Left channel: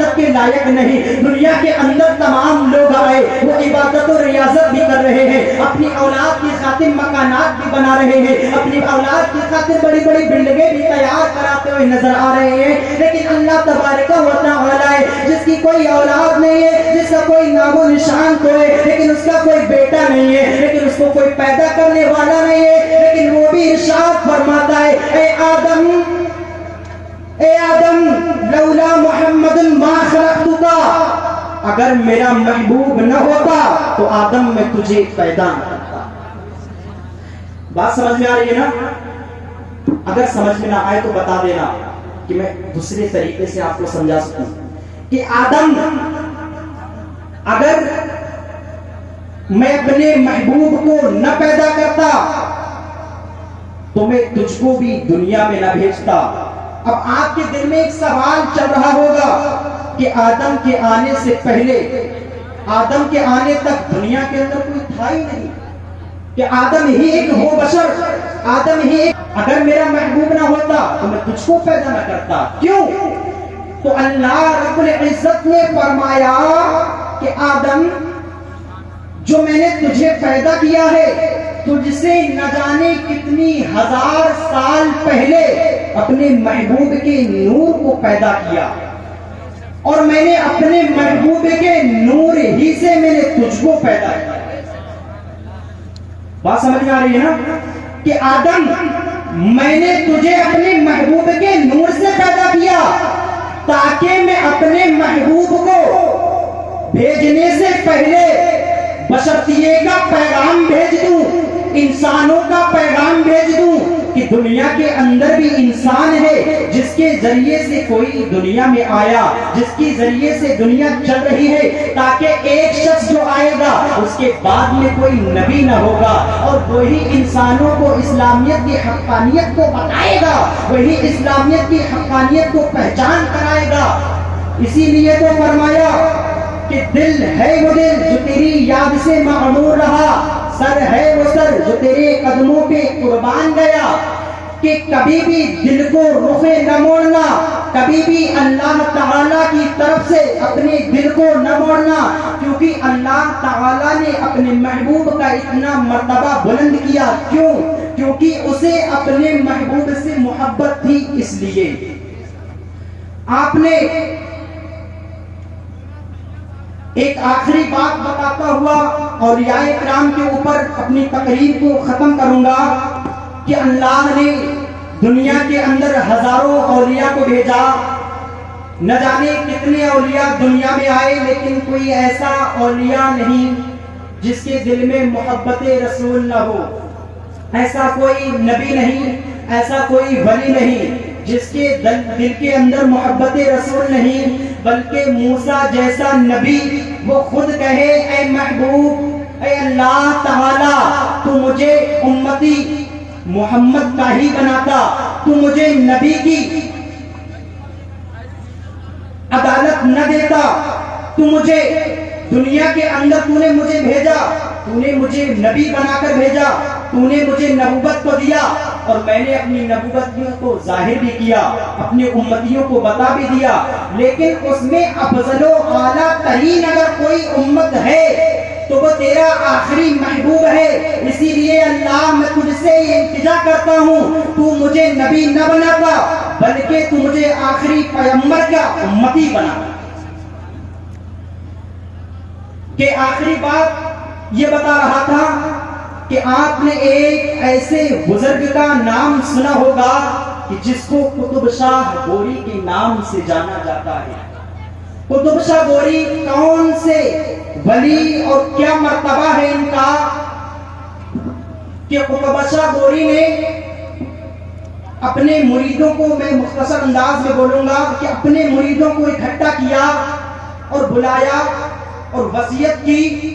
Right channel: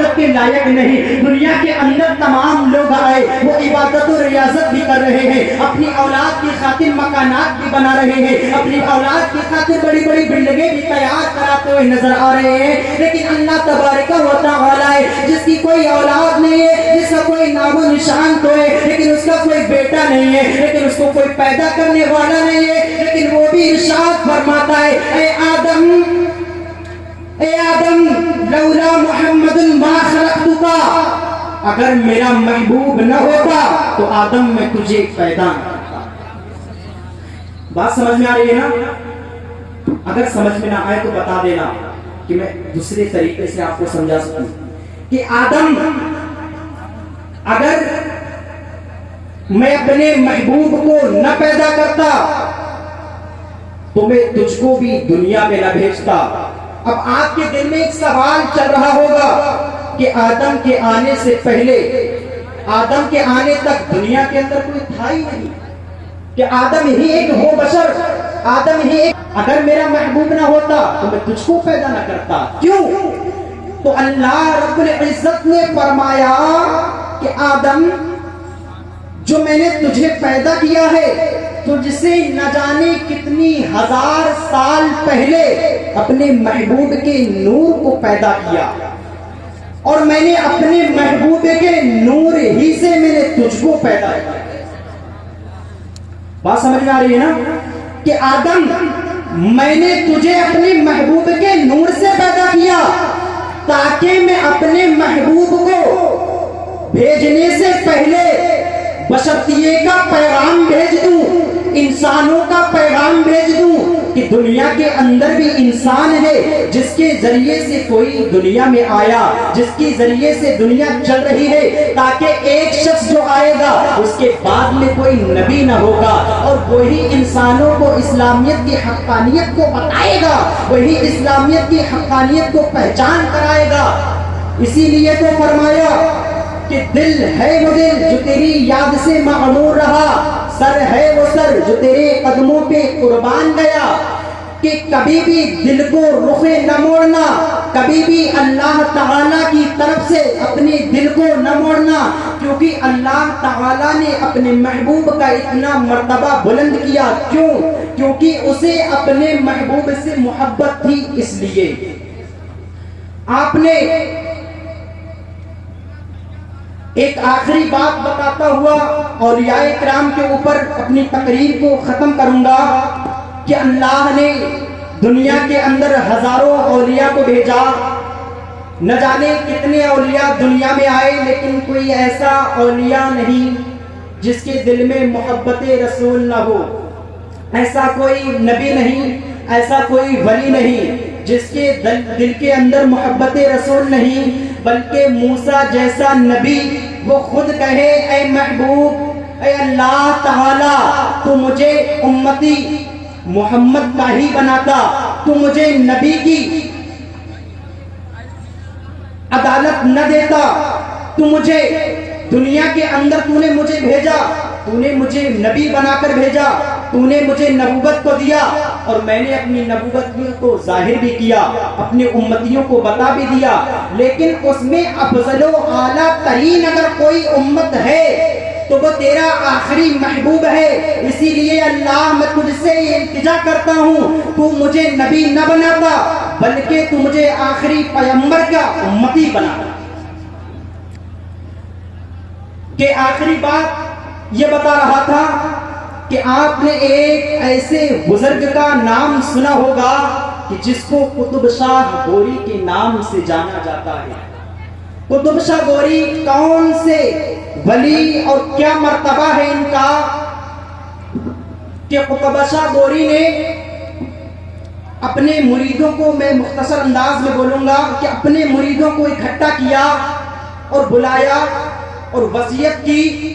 عبادت کے لائق نہیں. دنیا کے اندر تمام لوگ آئے وہ عبادت و ریاضت بھی کر رہے ہیں, اپنی اولاد کی خاطر مکانات بھی بنا رہے ہیں, اپنی اولاد کی خاطر بڑی بڑی بلڈنگیں بھی تیار کراتے ہوئے نظر آ رہے ہیں. لیکن اللہ تبارک و تعالی ہے جس کی کوئی اولاد نہیں ہے, جس کا کوئی نام و نشان تو ہے لیکن اس کا کوئی بیٹا نہیں ہے, لیکن اس کو کوئی پیدا کرنے والا نہیں ہے. لیکن وہ بھی ارشاد فرماتا ہے, اے آدم لولا محمد ما خلقتک, اگر میرا محبوب نہ ہوتا تو آدم میں تجھے پیدا نہ کرتا. بات سمجھ میں آ رہی ہے نا؟ اگر سمجھ میں نہ آئے تو بتا دینا کہ میں دوسرے طریقے سے آپ کو سمجھا سکوں کہ آدم, اگر میں اپنے محبوب کو نہ پیدا کرتا تو میں تجھ کو بھی دنیا میں نہ بھیجتا. اب آپ کے دل میں ایک سوال چل رہا ہوگا کہ آدم کے آنے سے پہلے, آدم کے آنے تک دنیا کے اندر کوئی تھا ہی نہیں, کہ آدم ہی ایک ہو بشر, آدم ہی ایک. اگر میرا محبوب نہ ہوتا تو میں تجھ کو پیدا نہ کرتا. کیوں؟ تو اللہ رب العزت نے فرمایا کہ آدم, جو میں نے تجھے پیدا کیا ہے تجھ سے نہ جانے کتنی ہزار سال پہلے اپنے محبوب کے نور کو پیدا کیا, اور میں نے اپنے محبوب کے نور ہی سے میں نے تجھ کو پیدا کیا. بات سمجھ میں آ رہی ہے نا کہ آدم, میں نے تجھے اپنے محبوب کے نور سے پیدا کیا تاکہ میں اپنے محبوب کو بھیجنے سے پہلے بشریے کا پیغام بھیج دوں, انسانوں کا پیغام بھیج دوں کہ دنیا کے اندر بھی انسان ہے جس کے ذریعے سے کوئی دنیا میں آیا, جس کے ذریعے سے دنیا چل رہی ہے, تاکہ ایک شخص جو آئے گا اس کے بعد میں کوئی نبی نہ ہوگا اور وہی انسانوں کو اسلامیت کی حقانیت کو بتائے گا, وہی اسلامیت کی حقانیت کو پہچان کرائے گا. اسی لیے تو فرمایا کہ دل ہے وہ دل جو تیری یاد سے معمور رہا, سر ہے وہ سر جو تیرے قدموں پہ قربان گیا, کہ کبھی بھی دل کو رخ نہ موڑنا, کبھی بھی اللہ تعالیٰ کی طرف سے اپنے دل کو نہ موڑنا, کیونکہ اللہ تعالیٰ نے اپنے محبوب کا اتنا مرتبہ بلند کیا. کیوں؟ کیونکہ اسے اپنے محبوب سے محبت تھی. اس لیے آپ نے ایک آخری بات بتاتا ہوا اولیاء کرام کے اوپر اپنی تقریر کو ختم کروں گا کہ اللہ نے دنیا کے اندر ہزاروں اولیاء کو بھیجا, نہ جانے کتنے اولیاء دنیا میں آئے, لیکن کوئی ایسا اولیاء نہیں جس کے دل میں محبت رسول نہ ہو, ایسا کوئی نبی نہیں, ایسا کوئی ولی نہیں جس کے دل کے اندر محبت رسول نہیں, بلکہ موسیٰ جیسا نبی وہ خود کہے, اے محبوب, اے اللہ تعالی, تو مجھے امتی محمد کا ہی بناتا, تو مجھے نبی کی عدالت نہ دیتا, تو مجھے دنیا کے اندر تو نے مجھے بھیجا, تو نے مجھے نبی بنا کر بھیجا, تو نے مجھے نبوت کو دیا, اور میں نے اپنی نبوت کو ظاہر بھی کیا, اپنے امتیوں کو بتا بھی دیا, لیکن اس میں افضل و اعلیٰ ترین اگر کوئی امت ہے تو وہ تیرا آخری محبوب ہے. اسی لیے اللہ میں تجھ سے التجا کرتا ہوں, تو مجھے نبی نہ بناتا بلکہ تو مجھے آخری پیغمبر کا امتی بنا. کہ آخری بات یہ بتا رہا تھا کہ آپ نے ایک ایسے بزرگ کا نام سنا ہوگا کہ جس کو قطب شاہ گوری کے نام سے جانا جاتا ہے. قطب شاہ گوری کون سے ولی اور کیا مرتبہ ہے ان کا کہ قطب شاہ گوری نے اپنے مریدوں کو, میں مختصر انداز میں بولوں گا, کہ اپنے مریدوں کو اکٹھا کیا اور بلایا اور وصیت کی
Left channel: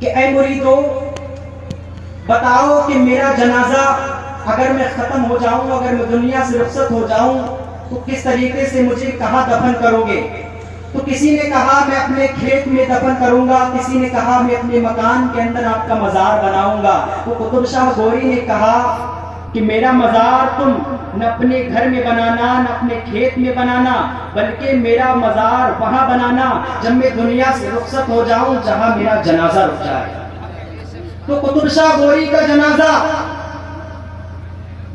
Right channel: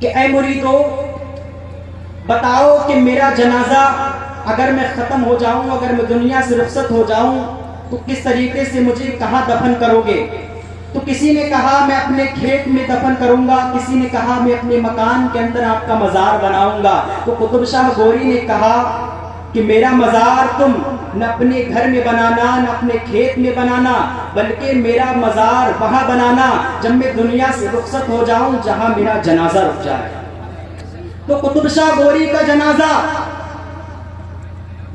کہ اے مریدو, بتاؤ کہ میرا جنازہ اگر میں ختم ہو جاؤں, اگر میں دنیا سے رخصت ہو جاؤں تو کس طریقے سے مجھے کہاں دفن کرو گے؟ تو کسی نے کہا میں اپنے کھیت میں دفن کروں گا, کسی نے کہا میں اپنے مکان کے اندر آپ کا مزار بناؤں گا. تو قطب شاہ گوری نے کہا کہ میرا مزار تم نہ اپنے گھر میں بنانا نہ اپنے کھیت میں بنانا، بلکہ میرا مزار وہاں بنانا جب میں دنیا سے رخصت ہو جاؤں جہاں میرا جنازہ رک جائے۔ تو قطب شاہ گوری کا جنازہ،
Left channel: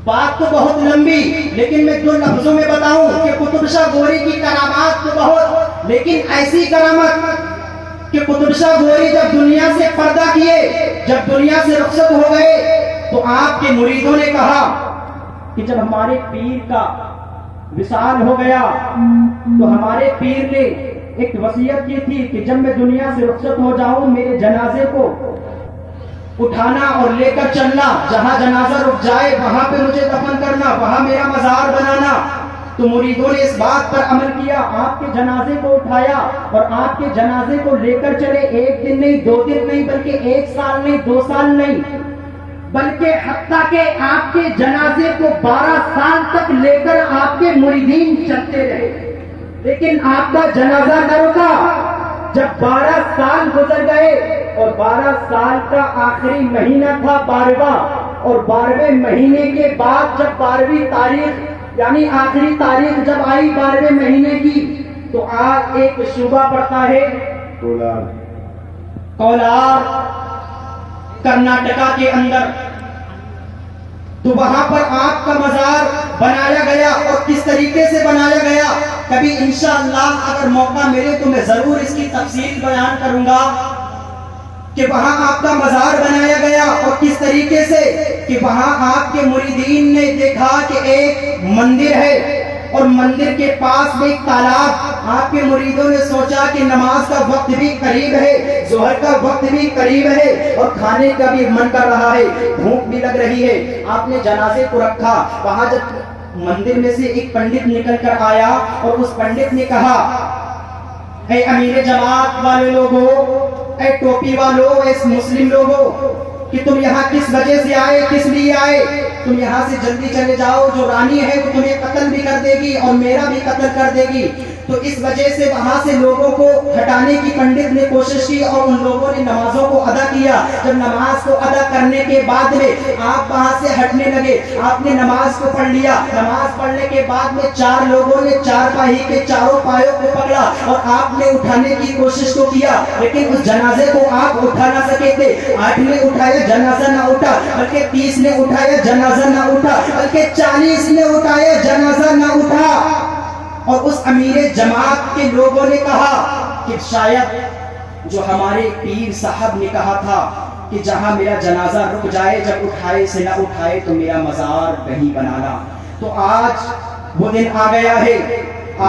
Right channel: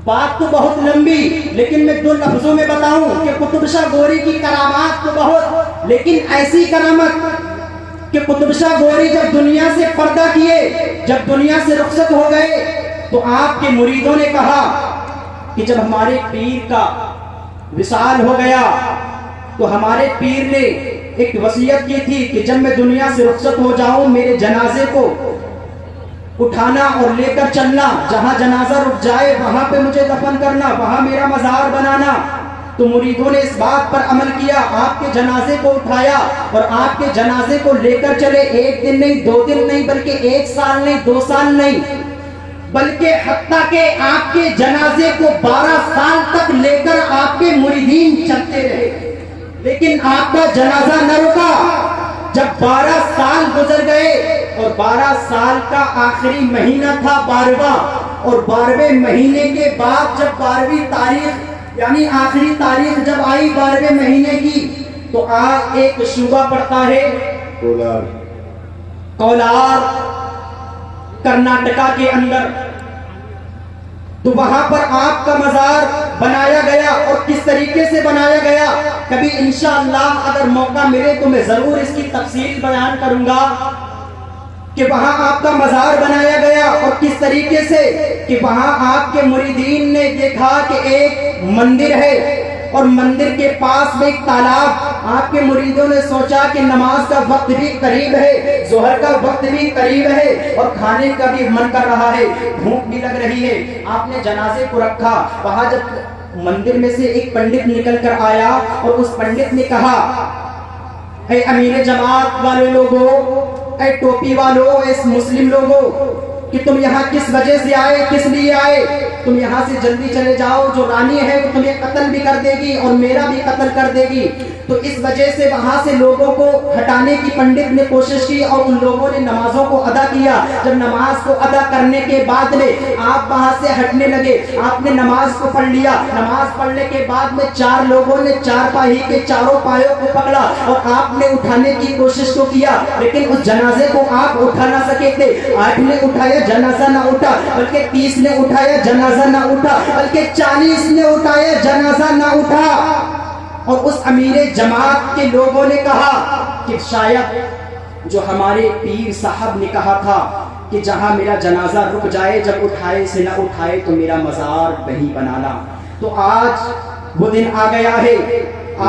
بات تو بہت لمبی، لیکن میں دو لفظوں میں بتاؤں کہ قطب شاہ گوری کی کرامات تو بہت، لیکن ایسی کرامت کہ قطب شاہ گوری جب دنیا سے پردہ کیے، جب دنیا سے رخصت ہو گئے، تو آپ کے مریدوں نے کہا کہ جب ہمارے پیر کا وصال ہو گیا تو ہمارے پیر نے ایک وصیت کی تھی کہ جب میں دنیا سے رخصت ہو جاؤں میرے جنازے کو اٹھانا اور لے کر چلنا، جہاں جنازہ رک جائے وہاں پہ مجھے دفن کرنا، وہاں میرا مزار بنانا۔ تو مریدوں نے اس بات پر عمل کیا، آپ کے جنازے کو اٹھایا اور آپ کے جنازے کو لے کر چلے، ایک دن نہیں، دو دن نہیں، بلکہ ایک سال نہیں، 2 سال نہیں، بلکہ حتیٰ کہ آپ کے جنازے کو 12 سال تک لے کر آپ کے مریدین چلتے رہے، لیکن آپ کا جنازہ نہ رکا۔ جب 12 سال گزر گئے اور 12 سال کا آخری مہینہ تھا 12واں، اور 12ویں مہینے کے بعد جب 12ویں تاریخ یعنی آخری تاریخ جب آئی 12ویں مہینے کی، تو آج ایک صوبہ پڑتا ہے کولار، کرناٹکا کے اندر، تو وہاں پر آپ کا مزار بنایا گیا۔ اور کس طریقے سے بنایا گیا، کبھی انشاءاللہ اگر موقع ملے تو میں ضرور اس کی تفصیل بیان کروں گا کہ وہاں آپ کا مزار بنایا گیا، اور کس طریقے سے کہ وہاں آپ کے مریدین نے دیکھا کہ ایک مندر ہے اور مندر کے پاس میں ایک تالاب۔ آپ کے مریدوں نے سوچا کہ نماز کا وقت بھی قریب ہے، ظہر کا وقت بھی قریب ہے، اور کھانے کا بھی من کر رہا ہے، بھوک بھی لگ رہی ہے۔ آپ نے جنازے کو رکھا، وہاں جب مندر میں سے ایک پنڈت نکل کر آیا اور اس پنڈت نے کہا، اے امیر جماعت والے لوگوں، اے ٹوپی والوں، اے مسلم لوگوں، کہ تم یہاں کس وجہ سے آئے، کس لیے آئے؟ تم یہاں سے جلدی چلے جاؤ، جو رانی ہے وہ تمہیں قتل بھی کر دے گی اور میرا بھی قتل کر دے گی۔ تو اس وجہ سے وہاں سے لوگوں کو ہٹانے کی پنڈت نے کوشش کی، اور ان لوگوں نے نمازوں کو ادا کیا۔ جب نماز کو ادا کرنے کے بعد میں آپ وہاں سے ہٹنے لگے، آپ نے نماز کو پڑھ لیا۔ نماز پڑھنے کے بعد میں 4 لوگوں نے چارپائی کے چاروں پایوں کو پکڑا اور آپ نے اٹھانے کی کوشش تو کیا، لیکن اس جنازے کو آپ اٹھا نہ سکے تھے۔ 8 نے اٹھایا، جنازہ نہ اٹھا، بلکہ 30 نے اٹھایا، جنازہ نہ اٹھا، بلکہ 40 نے اٹھایا، جنازہ نہ اٹھا۔ اور اس امیر جماعت کے لوگوں نے کہا کہ شاید جو ہمارے پیر صاحب نے کہا تھا کہ جہاں میرا جنازہ رک جائے، جب اٹھائے سے نہ اٹھائے تو میرا مزار نہیں بنانا۔ تو آج وہ دن آ گیا ہے،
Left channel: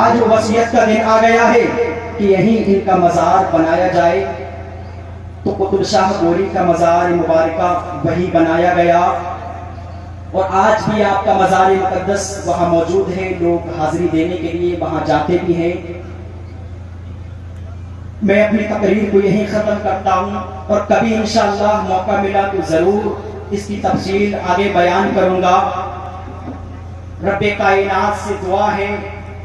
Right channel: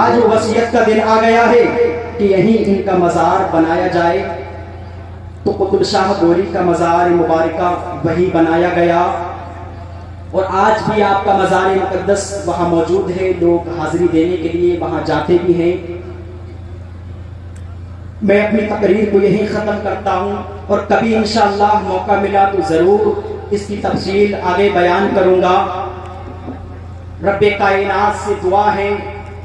آج وصیت کا دن آ گیا ہے کہ یہیں ان کا مزار بنایا جائے۔ تو قطب شاہ گوری کا مزار مبارکہ وہی بنایا گیا، اور آج بھی آپ کا مزار مقدس وہاں موجود ہے، لوگ حاضری دینے کے لیے وہاں جاتے بھی ہیں۔ میں اپنی تقریر کو یہیں ختم کرتا ہوں، اور کبھی انشاءاللہ موقع ملا تو ضرور اس کی تفصیل آگے بیان کروں گا۔ رب کائنات سے دعا ہے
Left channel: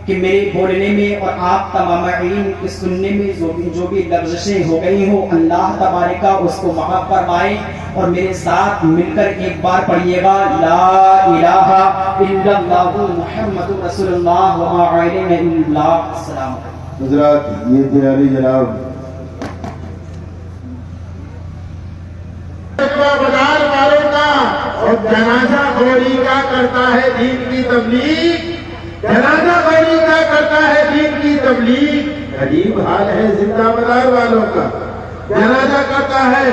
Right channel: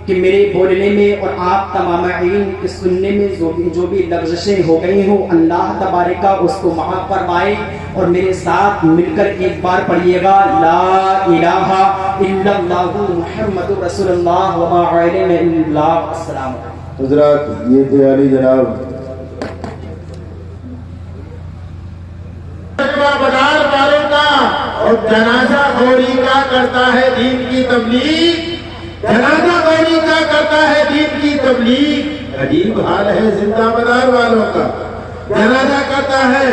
کہ میرے بولنے میں اور آپ تمامین کے سننے میں جو بھی لفظیں ہو گئی ہوں، اللہ تبارک اس کو معاف فرمائے، اور میرے ساتھ مل کر ایک بار پڑھیے گا، لا الہ الا اللہ محمد رسول اللہ وما علیہ اللہ۔ السلام علیکم حضرات، یہ تھے علی جناب اور جنازہ خوری کا کرتا ہے دین کی تبلیغ، جنازہ خوری کا کرتا ہے دین کی تبلیغ۔ عجیب حال ہے زندہ مدار والوں کا، جنازہ کرتا ہے،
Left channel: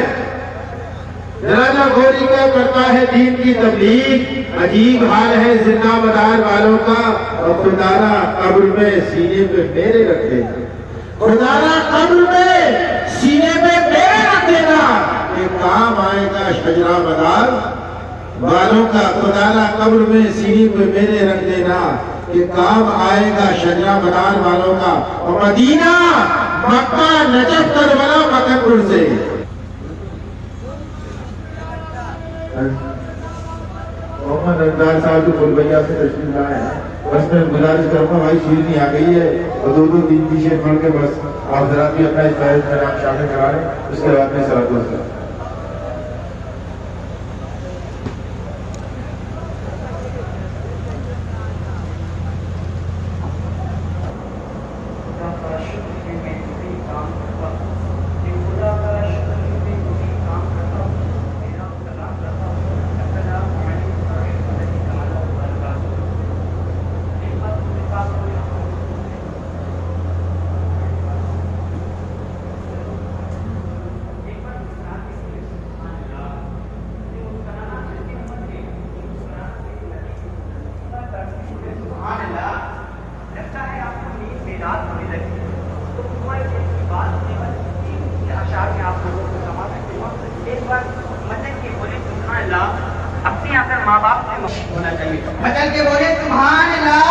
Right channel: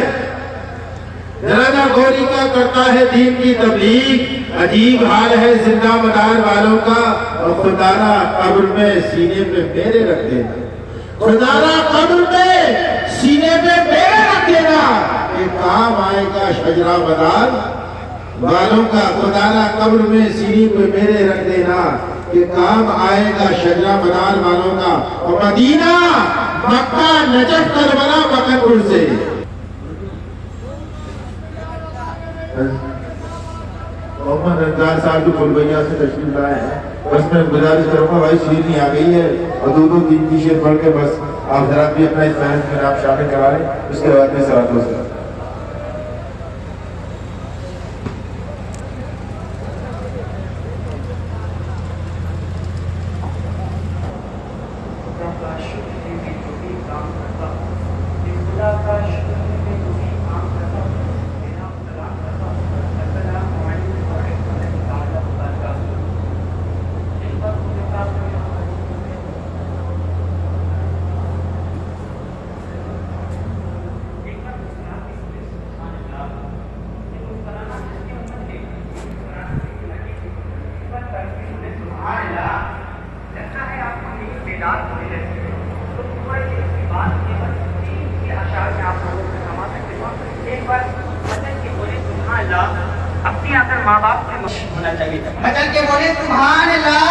جنازہ خوری کا کرتا ہے دین کی تبلیغ۔ عجیب حال ہے زندہ مدار والوں کا، اور خدا را قبر میں سینے پہ میرے رکھ دینا، خدا را قبر میں سینے پہ میرے رکھ دینا، یہ کام آئے گا شجرہ مدار والوں کا۔ خدا را قبر میں سینے پہ میرے رکھ دینا، یہ کام آئے گا شجرہ مدار والوں کا۔ اور مدینہ، مکہ، نجف، کربلا، مکرپور سے محمد رمضان صاحب جو کلبیہ سے تشریف لائے ہیں، بس میں گزارش کروں گا، بھائی شیر نہیں آ گئی ہے، اور 2-3 کی شیر پڑھ کے بس آپ ذرا بھی اپنا اس فیض میں آپ شامل کروا لیں، اس کے بعد میں صلاۃ و سلام۔ یاد ملے تو کوئی کی بات یہ اشعار میں آپ لوگوں کو سما سکتے ہو. ایک بار مدن کے بولے سبحان اللہ اپنے اگر ماں باپ سے مشکل ہونا چاہیے. مدن کے بولے سبحان اللہ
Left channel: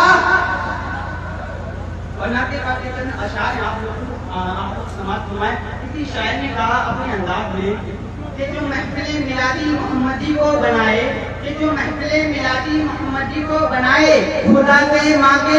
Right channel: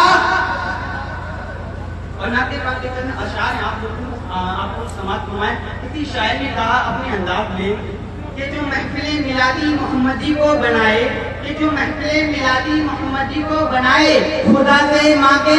اور ناطے قاطع کرنا اشعار آپ لوگوں کو سماعت فرمائے. کسی شاعر نے کہا اپنے انداز میں کہ جو محفل میلادی محمدی کو بنائے، کہ جو محفل میلادی محمدی کو بنائے خدا سے ماں کے